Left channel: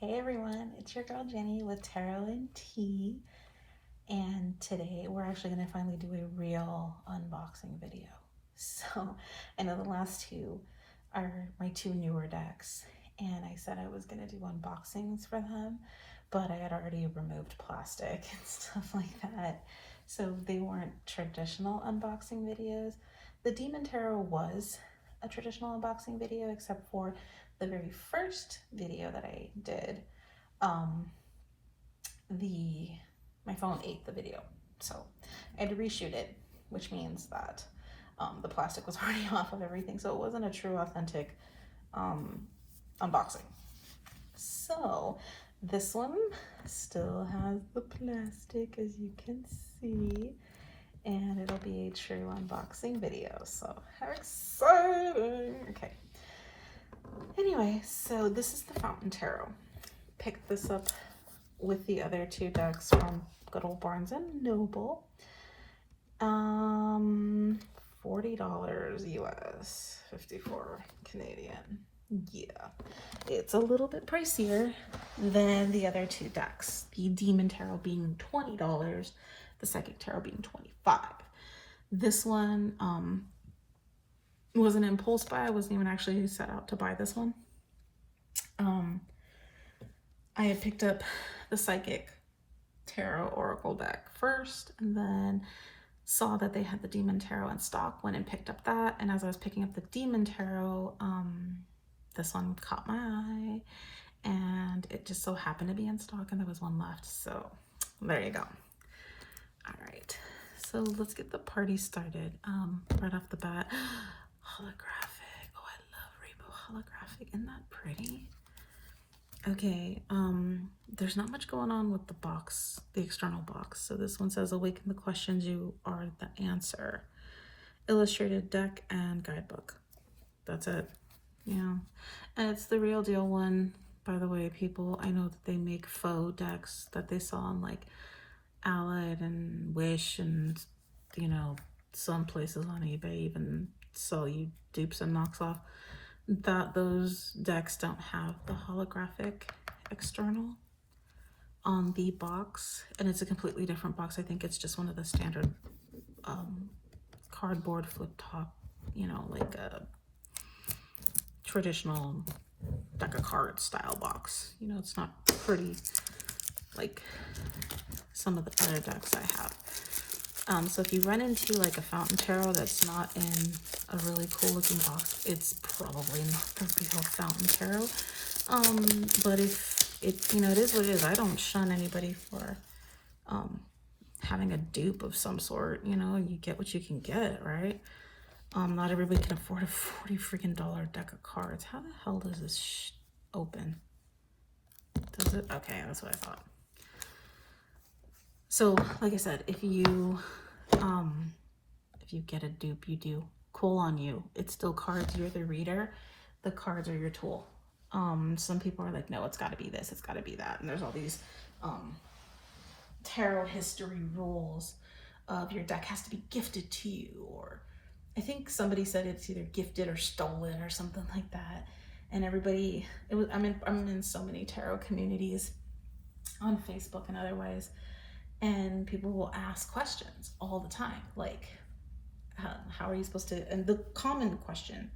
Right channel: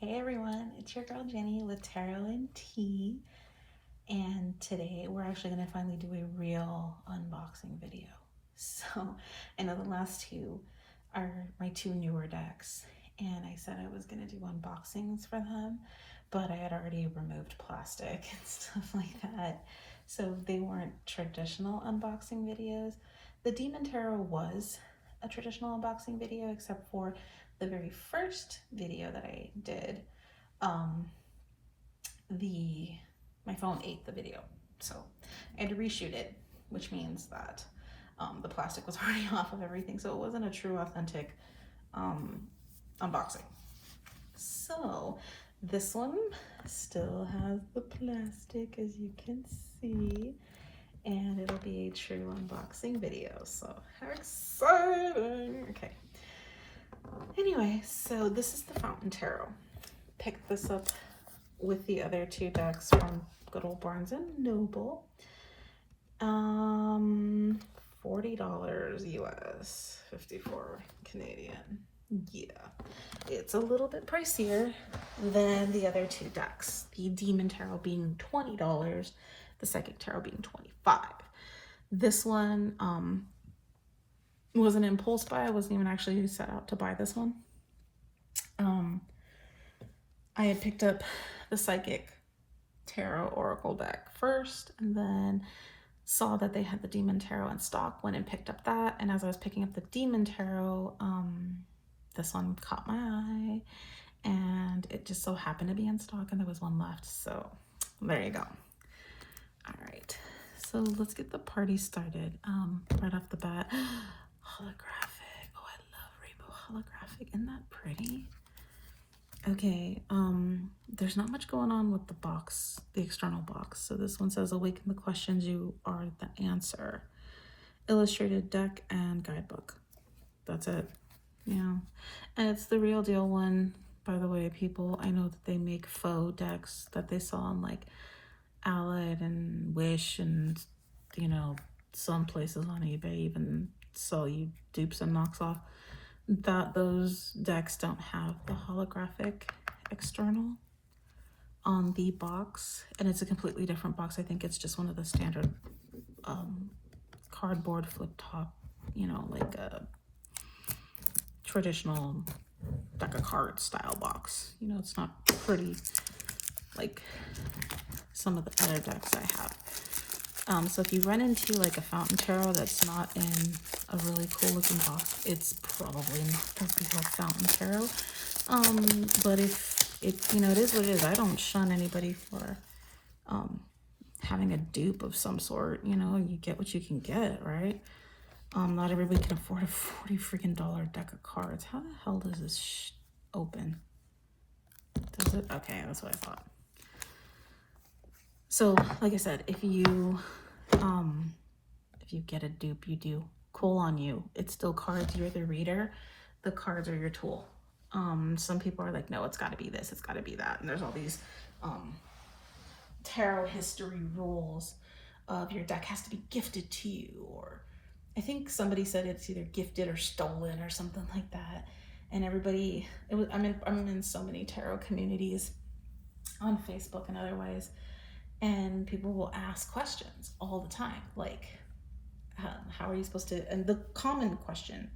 Hey everyone, it's your girl Jenny with Tarot and Tea, and today we're actually going to finally do a real unboxing video. So I know the last two are my two newer decks, and I said I was going to do unboxings for them, but I had already removed plastic and stuff like that, so they weren't traditional unboxing videos. The Demon Tarot was a traditional unboxing video, except for the very first video that I did. My phone ate the video, so I had to reshoot it, which means that the plastic was already off of everything, so it wasn't a true authentic unboxing. So this one still has the plastic, as you can see, and it'll be a true unboxing video. So how exciting! Okay. Anyway, so this is the Fountain Tarot. Picked this up with the other two decks from good old Barnes and Noble. $40 US, 54 Canadian. Yeah, it's a little bit pricier than the other two decks. The Demon Tarot being $20, the Psychic Tarot being $25. This one was an impulse buy. I wasn't even actually set out to buy this one. I had picked up the Psychic Tarot Oracle deck first, and then saw that they had the Demon Tarot in stock, went and picked up that. And as I was picking up the Demon Tarot, this one caught my eye, and it just so happened to be in stock, and there was one left. So there you go. All right, so let's get the party started. Right off the bat, holographic. Oh, I love rainbow holographic. Isn't that pretty? Okay, there's not much going on with the box, the external box. So this one says, awaken the questions, you are the answer. Illustrated deck and guidebook. That's it. Yeah. And it's the real deal one, by the way, people. I know that they make faux decks that they sell on like Allied and Wish, and you know, some places on eBay even sell you dupes and knocks off. Those decks don't have the holographic external on the box, and it's a completely different box. I think it's just one of the standard cardboard flip top, you know, like a traditional deck of cards style box. You know, it's not pretty like some of the other decks I have. So if you run into like a Fountain Tarot that's not in a really cool looking box, it's probably not because they have Fountain Tarot. But if it, you know, it is what it is. I don't shun anybody for having a dupe of some sort. You know, you get what you can get, right? Not everybody can afford a $40 freaking deck of cards. How the hell does this open? Does it? Okay, that's what I thought. So, like I said, if you get a dupe, you do. Cool on you. It's still cards. You're the reader. The cards are your tool. Some people are like, no, it's got to be this. It's got to be that. And there's all these tarot history rules of your deck has to be gifted to you, or I think somebody said it's either gifted or stolen or something like that. And everybody, I'm in so many tarot communities on Facebook and otherwise. And people will ask questions all the time, like, how are you supposed to, and the common question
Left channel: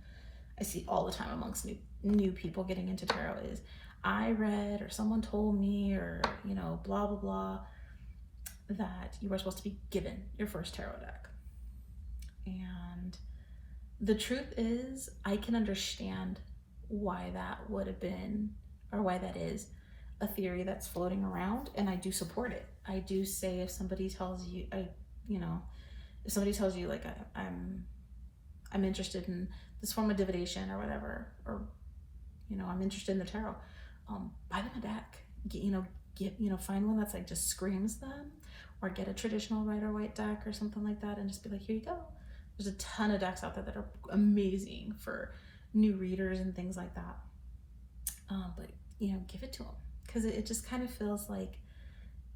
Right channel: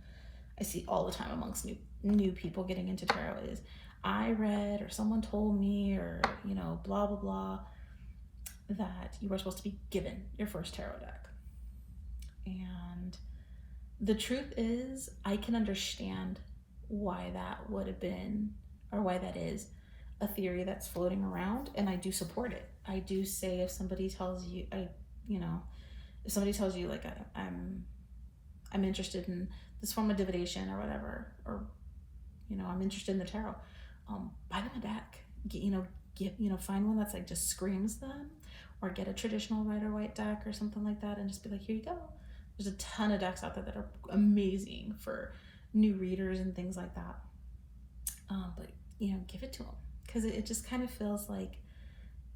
I see all the time amongst new people getting into tarot is, I read, or someone told me, or, you know, blah, blah, blah, that you were supposed to be given your first tarot deck. And the truth is, I can understand why that would have been, or why that is a theory that's floating around, and I do support it. I do say, if somebody tells you, if somebody tells you like I'm interested in this form of divination or whatever, or you know, I'm interested in the tarot, buy them a deck. Find one that's like just screams them, or get a traditional Rider-Waite deck or something like that, and just be like, here you go. There's a ton of decks out there that are amazing for new readers and things like that. But you know, give it to them, because it just kind of feels like,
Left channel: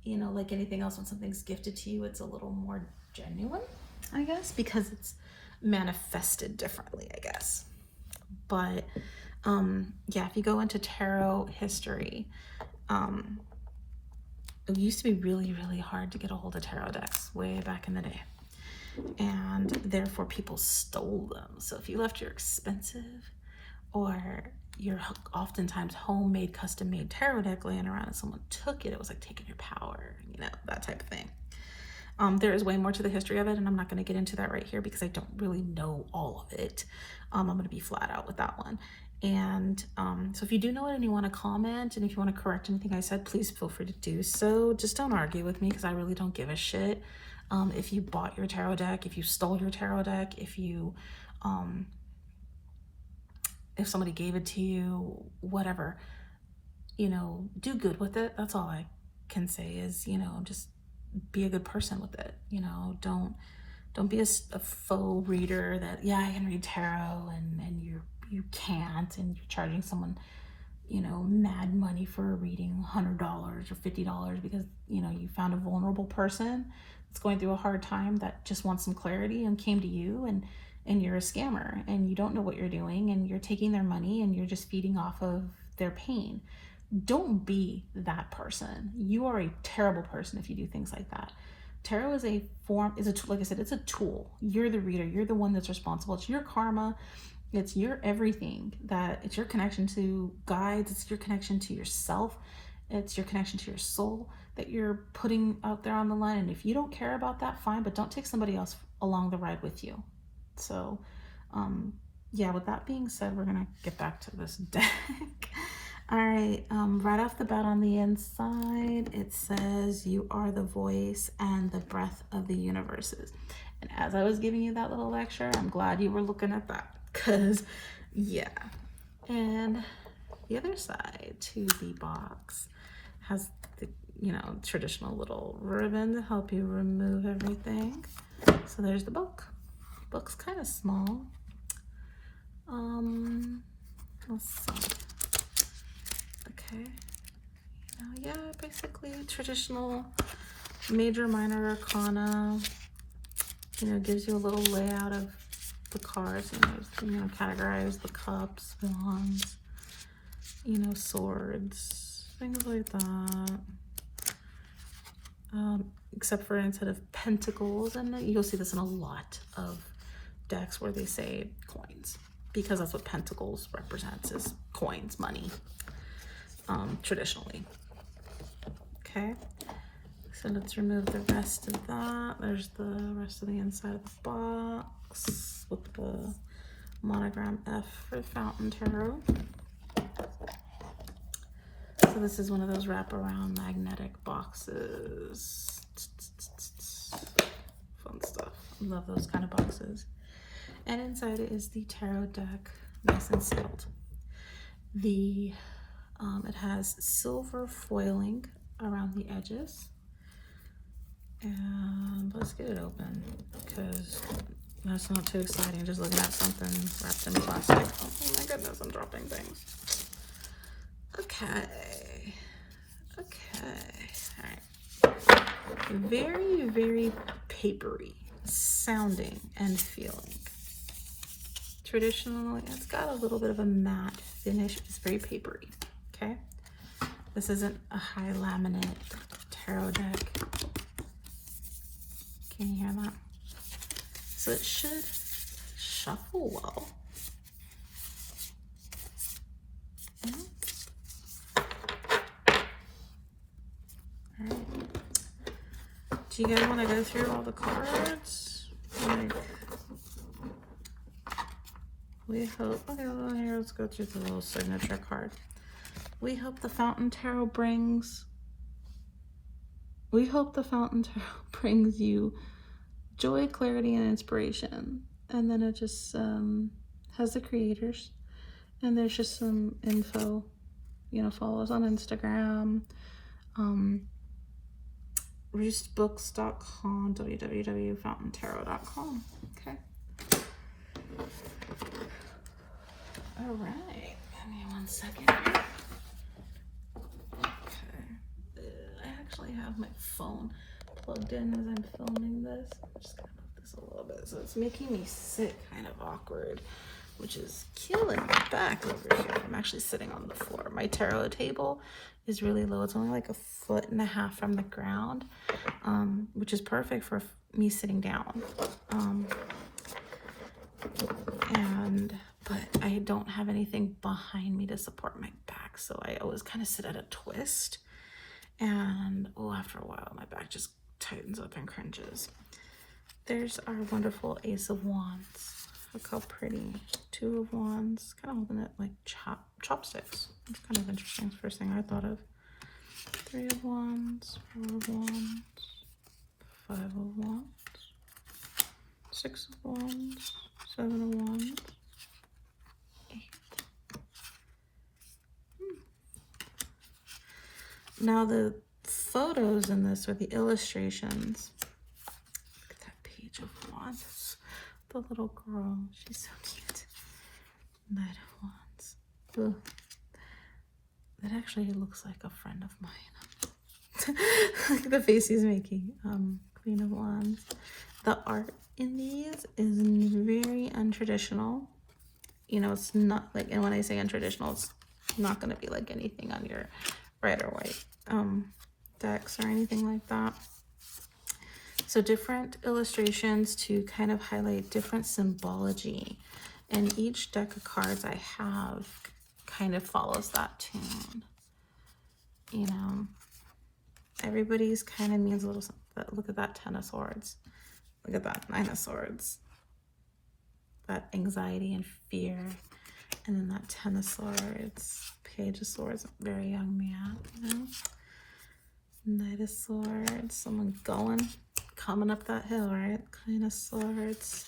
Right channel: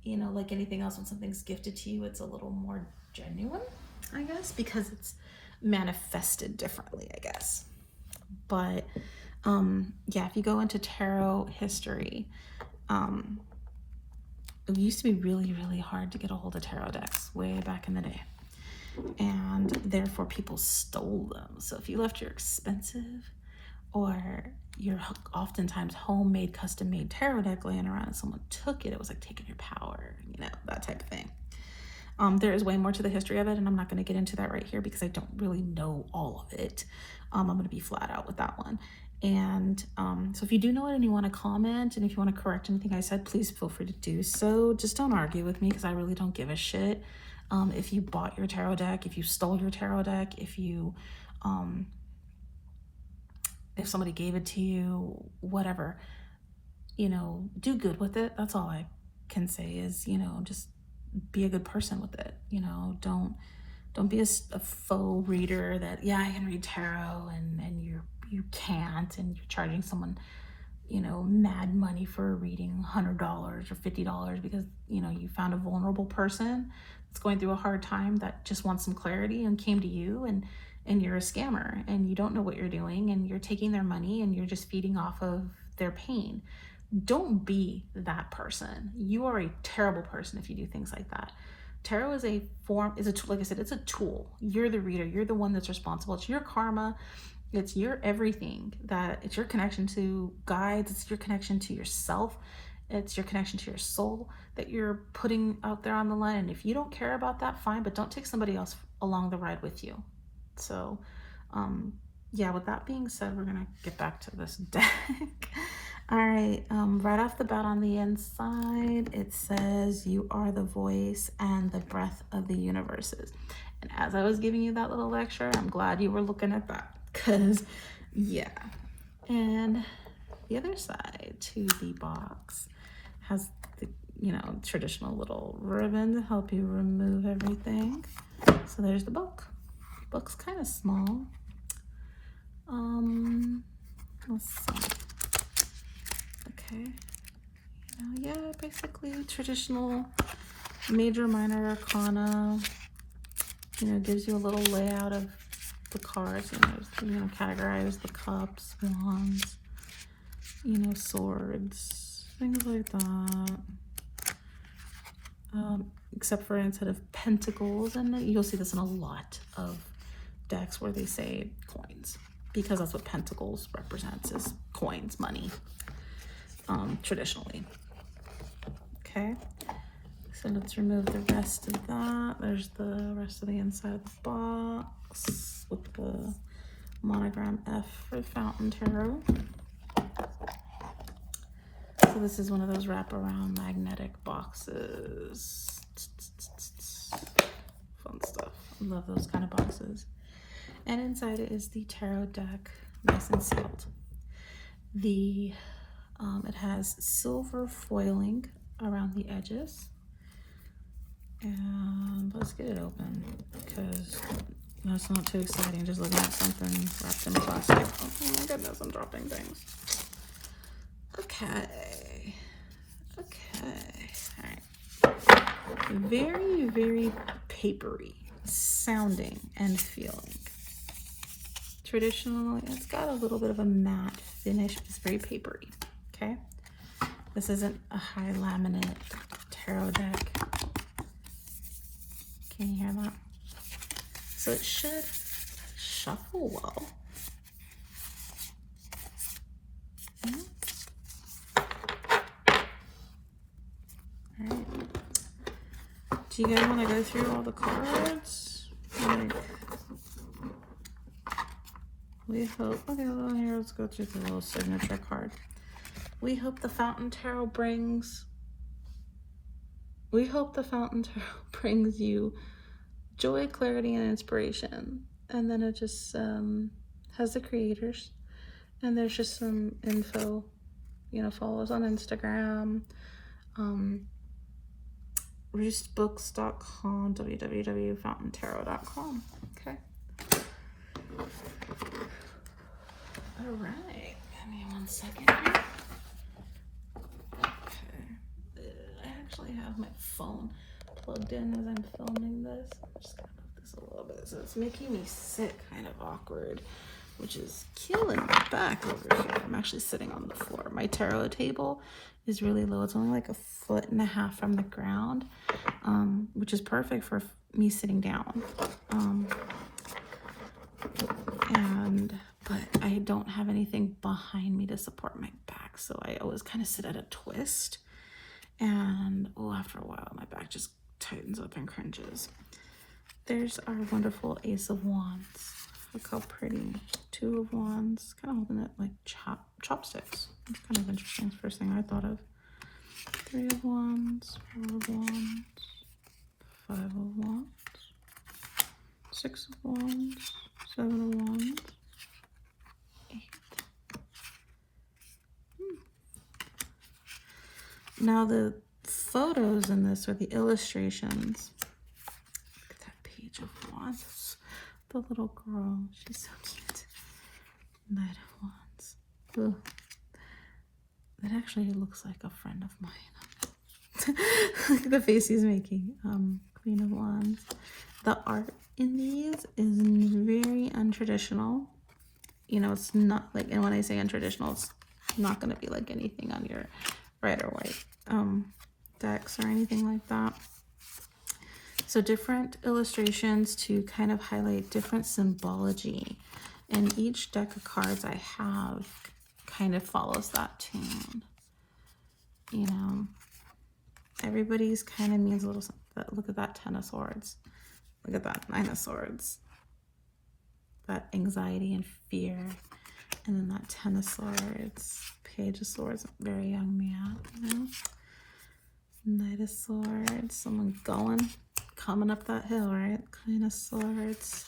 you know, like anything else, when something's gifted to you, it's a little more genuine, I guess, because it's manifested differently, I guess. But yeah, if you go into tarot history, it used to be really, really hard to get a hold of tarot decks way back in the day. And therefore people stole them. So if you left your expensive or your oftentimes homemade, custom-made tarot deck laying around and someone took it, it was like taking your power, you know, that type of thing. There is way more to the history of it, and I'm not going to get into that right here because I don't really know all of it. I'm going to be flat out with that one. And so if you do know it and you want to comment, and if you want to correct anything I said, please feel free to do so. Just don't argue with me because I really don't give a shit. If you bought your tarot deck, if you stole your tarot deck, if somebody gave it to you, whatever, you know, do good with it. That's all I can say is, you know, just be a good person with it. You know, don't be a faux reader that, yeah, I can read tarot and you can't, and you're charging someone, you know, mad money for a reading, $100 or $50 because, you know, you found a vulnerable person that's going through a hard time that just wants some clarity and came to you, and you're a scammer and you don't know what you're doing and you're taking their money and you're just feeding off of their pain. Don't be that person. You are a terrible person if you do things like that. Tarot is a form, like I said, it's a tool. You're the reader. You're the one that's responsible. It's your karma. It's your everything. It's your connection to guides. It's your connection to yourself. It's your connection to your soul that you're putting out there on the line. And if you don't care about that, fine, but don't take somebody else along the ride with you. So, yeah, with that being said, we're going to get back to this deck. All right, right off the bat on the inside, it says, you are the voice and the breath of the universes. And as I was giving you that little lecture, I'm glad you were looking at that, because, yeah. And the other side to the box has the, you know, traditional little ribbon to help you remove everything. So there's the book. The book's kind of small. Let's see. Okay, yeah, basically traditional major minor arcana, you know, gives you a little layout of the cards, you know, categorize the cups, wands, you know, swords, things like that. Except for instead of pentacles, and you'll see this in a lot of decks where they say coins, because that's what pentacles represents, is coins, money. Traditionally. Okay, so let's remove the rest of that. There's the rest of the inside of the box with the monogram F for Fountain Tarot. So this is one of those wraparound magnetic boxes. Fun stuff. Love those kind of boxes. And inside it is the tarot deck, nice and sealed. It has silver foiling around the edges. And let's get it open because that's not too exciting. Just looking at something wrapped in plastic. Oh my goodness, I'm dropping things. Okay. All right. Very, very papery sounding and feeling. Traditional, it's got a little bit of a matte finish. It's very papery. Okay, this isn't a high laminate tarot deck. Can you hear that? So it should shuffle well. All right. Do you guys want to go through all the cards? We hope. Okay, well, here, let's go through the little signature card. We hope the Fountain Tarot brings you joy, clarity, and inspiration. And then it just has the creators. And there's just some info, you know, follow us on Instagram, roostbooks.com, www.fountaintarot.com. Okay. All right. Give me 1 second here. I have my phone plugged in as I'm filming this. I'm just gonna move this a little bit. So it's making me sit kind of awkward which is killing my back over here. I'm actually sitting on the floor. My tarot table is really low. It's only like 1.5 feet from the ground, which is perfect for me sitting down. But I don't have anything behind me to support my back, so I always kind of sit at a twist. And after a while, my back just tightens up and cringes. There's our wonderful Ace of Wands. Look how pretty. 2 of Wands, kind of holding it like chopsticks. It's kind of interesting. First thing I thought of. 3 of Wands, 4 of Wands, 5 of Wands, 6 of Wands, 7 of Wands, 8. Now the photos in this are the illustrations. Look at that page of Wands. The little girl, she's so cute. Knight of Wands. Ugh. That actually looks like a friend of mine. Look at the face he's making. Queen of Wands. The art in these is very untraditional. You know, it's not like, and when I say untraditional, it's not going to be like anything on your red or white decks or anything like that. So different illustrations to kind of highlight different symbology. And each deck of cards I have kind of follows that tune. You know, everybody's kind of means a little something. Look at that 10 of Swords. Look at that 9 of Swords. That anxiety and fear. And then that 10 of Swords. Page of Swords, very young me out, you know. Knight of Swords, someone coming up that hill, right? Queen of Swords,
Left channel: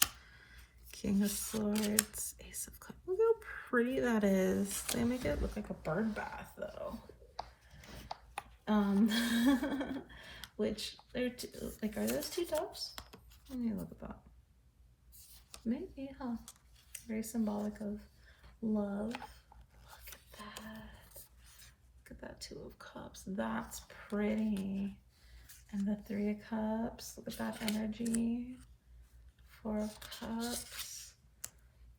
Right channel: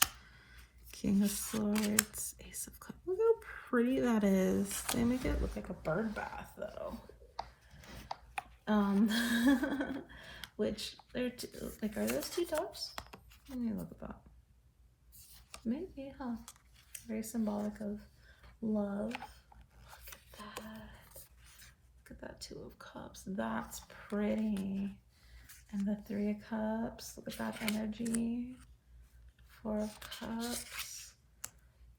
King of Swords, Ace of Cups. Look how pretty that is. They make it look like a bird bath, though. Which they're like, are those 2 tops? Let me look at that. Maybe, huh? Very symbolic of love. Look at that 2 of Cups. That's pretty. And the 3 of Cups. Look at that energy. 4 of Cups.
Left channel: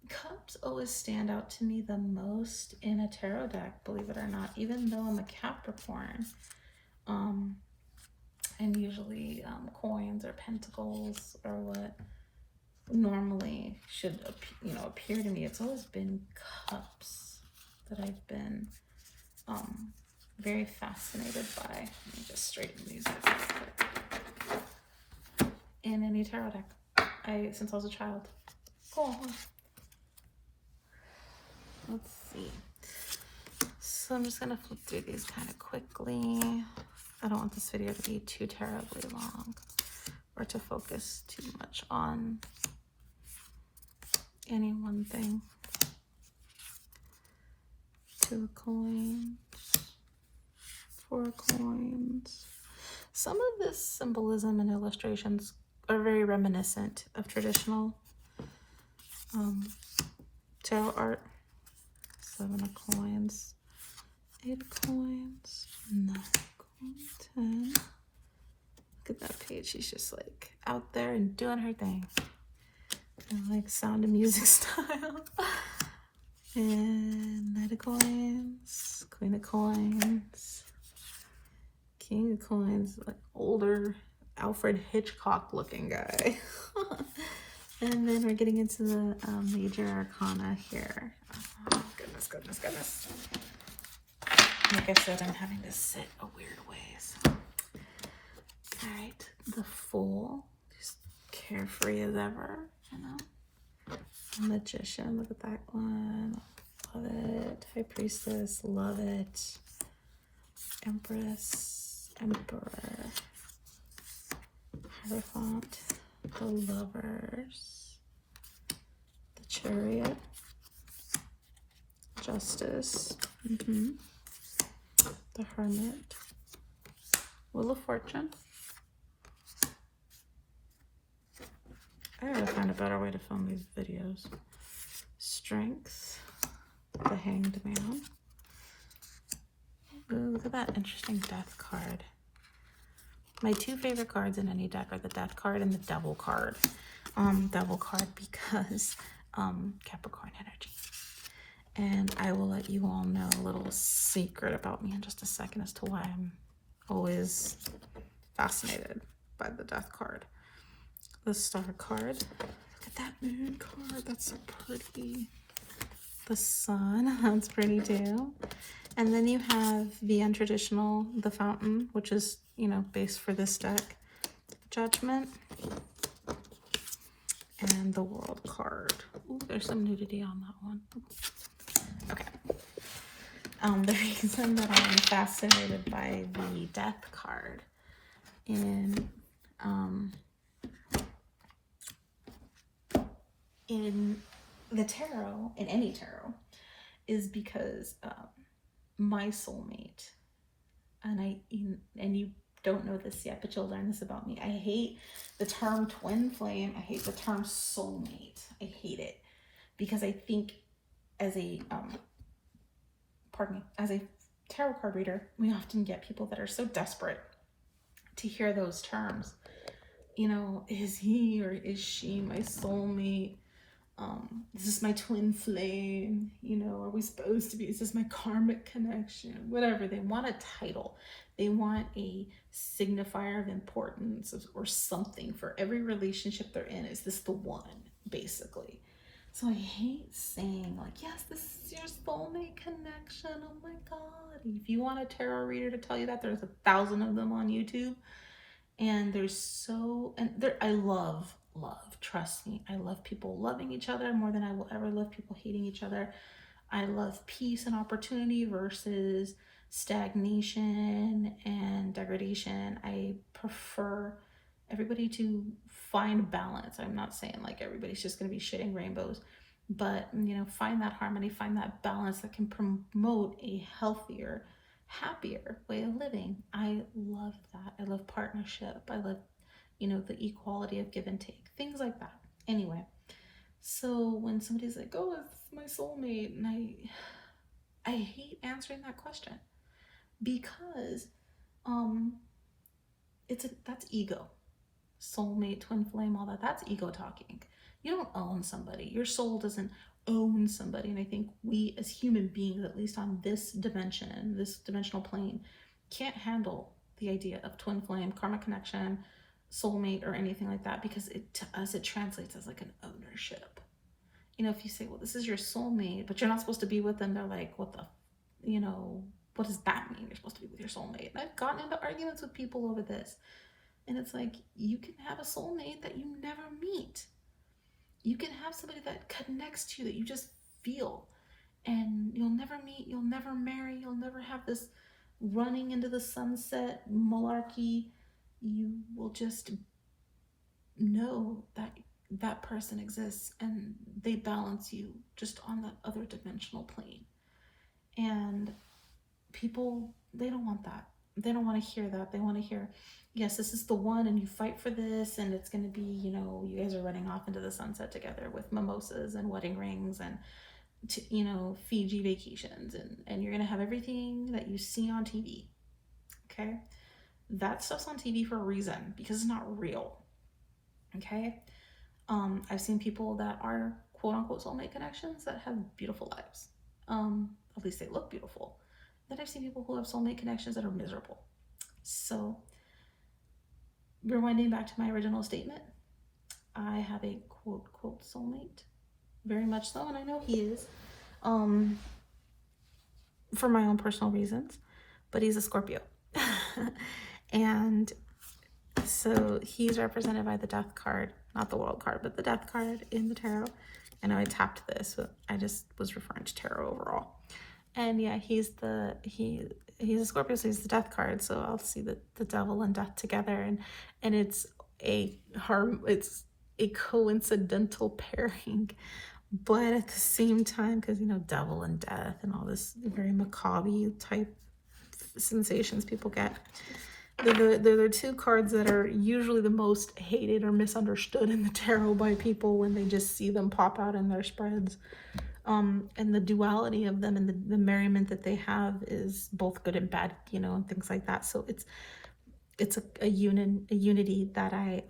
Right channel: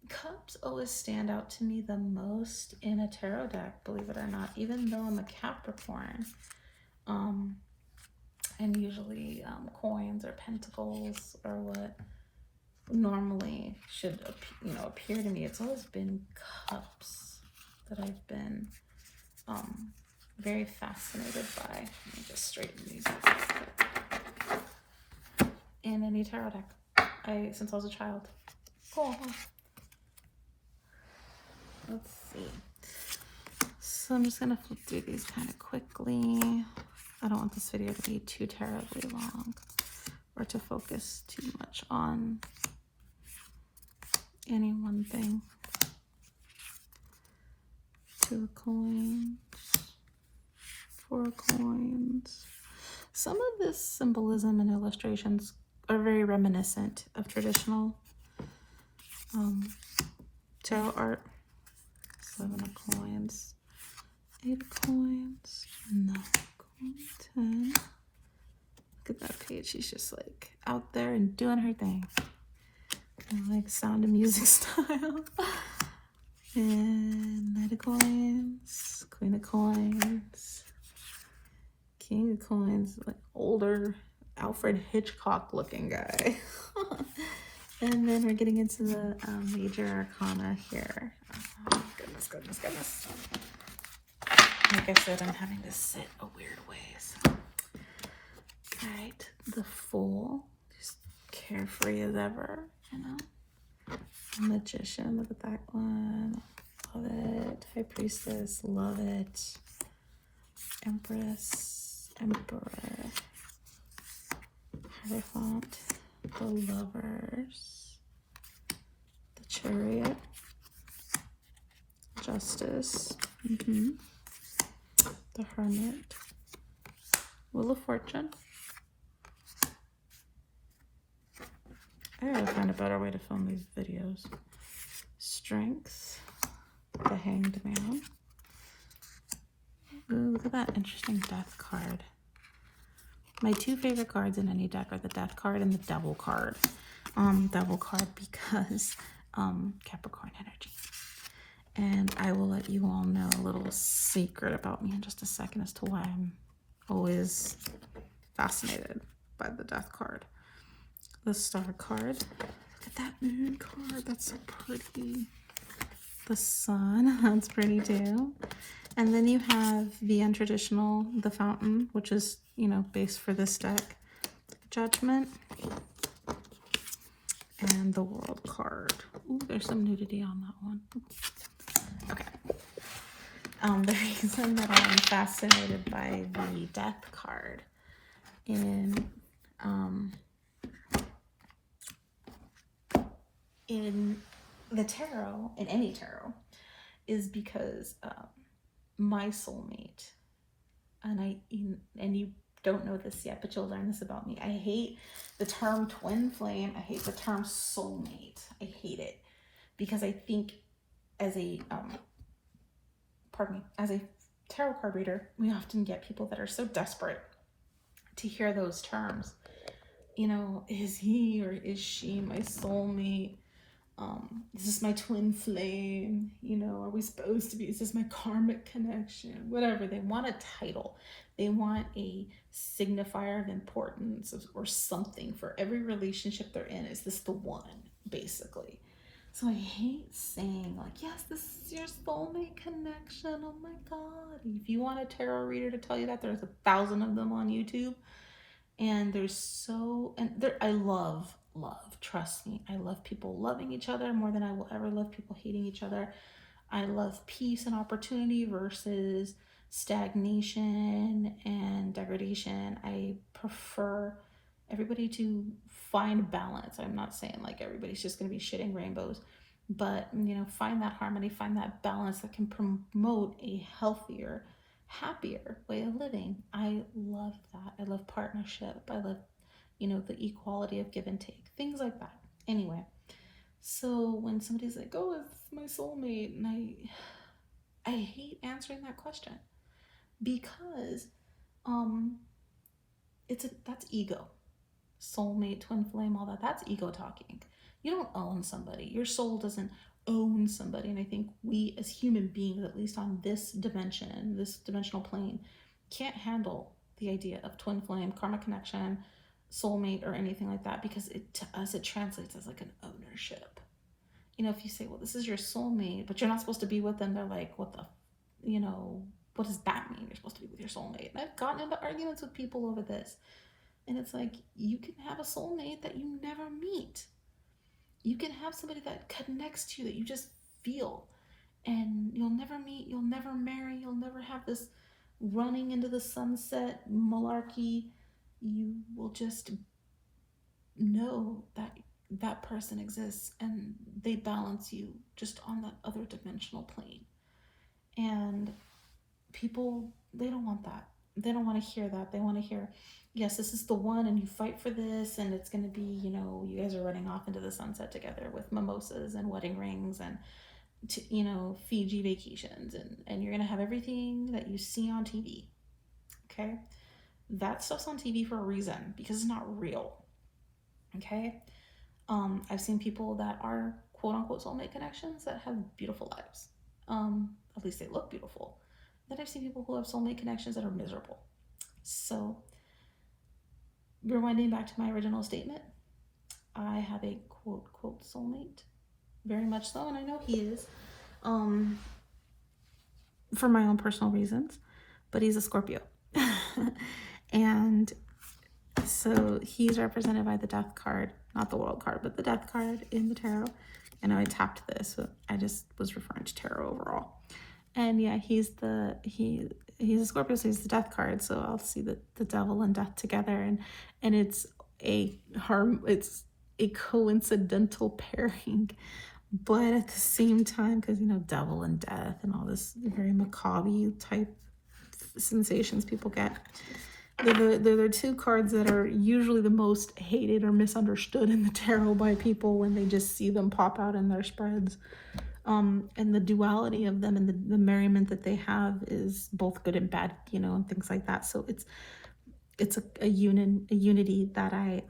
Cups always stand out to me the most in a tarot deck, believe it or not. Even though I'm a Capricorn, and usually coins or pentacles or what normally should appear to me. It's always been cups that I've been very fascinated by. Let me just straighten these up. In any tarot deck, since I was a child. Cool, huh? Let's see. So I'm just gonna flip through these kind of quickly. I don't want this video to be too terribly long or to focus too much on any one thing. 2 of coins, 4 of coins. Some of this symbolism and illustrations are very reminiscent of traditional tarot art. 7 of coins, 8 of coins, 9 of coins, 10. Look at that page. She's just like out there and doing her thing. Kind of like Sound of Music style. And Knight of Coins, Queen of Coins, King of Coins, an older Alfred Hitchcock looking guy. And then we're getting into the major arcana here. Oh, goodness. Like I said, I'm having to sit a weird way. So. All right, the Fool, just carefree as ever, you know. Magician, look at that one. Love it. High Priestess, love it. Empress, Emperor, Hierophant, the Lovers, the Chariot, Justice, the Hermit, Wheel of Fortune. I gotta find a better way to film these videos. Strength, the Hanged Man. Ooh, look at that interesting Death card. My 2 favorite cards in any deck are the Death card and the Devil card. Devil card because Capricorn energy. And I will let you all know a little secret about me in just a second as to why I'm always fascinated by the Death card. The Star card. Look at that moon card. That's so pretty. The Sun. That's pretty too. And then you have the untraditional, the Fountain, which is, you know, base for this deck. Judgment. And the World card. Ooh, there's some nudity on that one. Okay. The reason that I'm fascinated by the Death card in the tarot, in any tarot, is because my soulmate, and you don't know this yet, but you'll learn this about me. I hate the term twin flame. I hate the term soulmate. I hate it because I think as a as a tarot card reader, we often get people that are so desperate to hear those terms. You know, is he or is she my soulmate? Is this my twin flame? You know, are we supposed to be? Is this my karmic connection? Whatever. They want a title. They want a signifier of importance or something for every relationship they're in. Is this the one, basically? So I hate saying like, yes, this is your soulmate connection. Oh my God. If you want a tarot reader to tell you that, there's 1,000 of them on YouTube. And I love, trust me. I love people loving each other more than I will ever love people hating each other. I love peace and opportunity versus stagnation and degradation. I prefer everybody to find balance. I'm not saying like everybody's just going to be shitting rainbows, but, you know, find that harmony, find that balance that can promote a healthier, happier way of living. I love that. I love partnership. I love, you know, the equality of give and take, things like that. Anyway, so when somebody's like, oh, it's my soulmate, and I hate answering that question because that's ego. Soulmate, twin flame, all that's ego talking. You don't own somebody. Your soul doesn't own somebody. And I think we as human beings, at least on this dimension, this dimensional plane, can't handle the idea of twin flame, karmic connection, soulmate, or anything like that, because to us it translates as like an ownership. You know, if you say, well, this is your soulmate, but you're not supposed to be with them, they're like, what does that mean? You're supposed to be with your soulmate. And I've gotten into arguments with people over this. And it's like, you can have a soulmate that you never meet. You can have somebody that connects to you, that you just feel. And you'll never meet, you'll never marry, you'll never have this running into the sunset malarkey. You will just know that that person exists and they balance you just on that other dimensional plane. And people, they don't want that. They don't want to hear that. They want to hear, yes, this is the one and you fight for this and it's going to be, you know, you guys are running off into the sunset together with mimosas and wedding rings and, you know, Fiji vacations, and you're going to have everything that you see on TV. Okay? That stuff's on TV for a reason, because it's not real. Okay? I've seen people that are quote unquote soulmate connections that have beautiful lives. At least they look beautiful. Then I've seen people who have soulmate connections that are miserable. So, rewinding back to my original statement, I have a quote quote soulmate, very much so, and I know he is, for my own personal reasons, but he's a Scorpio. And so he's represented by the Death card, not the World card, but the Death card in the tarot. I know I tapped this, but I just was referring to tarot overall. And yeah, he's a Scorpio, so he's the Death card. So I'll see the devil and death together, and it's a coincidental pairing, but at the same time, because, you know, devil and death and all this very macabre type sensations people get. They're the two cards that are usually the most hated or misunderstood in the tarot by people when they just see them pop out in their spreads. And the duality of them and the merriment that they have is both good and bad, you know, and things like that. So it's a unity that I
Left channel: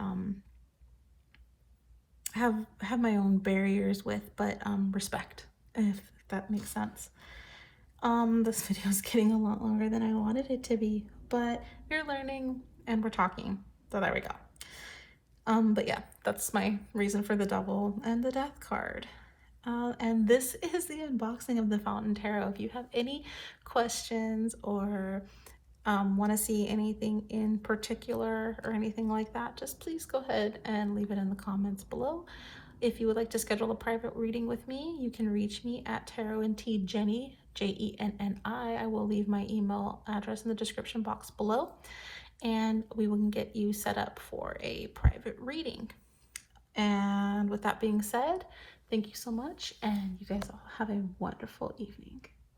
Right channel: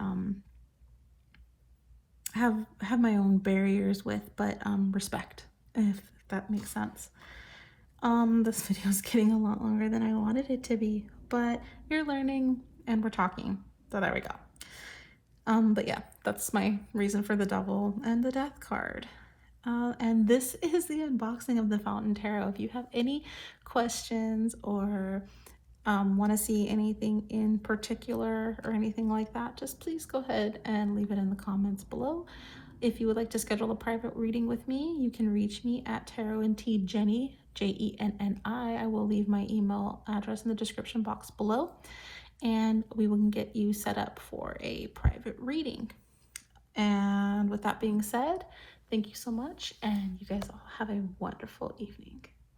have my own barriers with, but respect, if that makes sense. This video is getting a lot longer than I wanted it to be, but you're learning and we're talking, so there we go. But yeah, that's my reason for the Devil and the Death card. And this is the unboxing of the Fountain Tarot. If you have any questions or want to see anything in particular or anything like that, just please go ahead and leave it in the comments below. If you would like to schedule a private reading with me, you can reach me at tarotandtjenny, Jenni. I will leave my email address in the description box below, and we will get you set up for a private reading. And with that being said, thank you so much, and you guys all have a wonderful evening.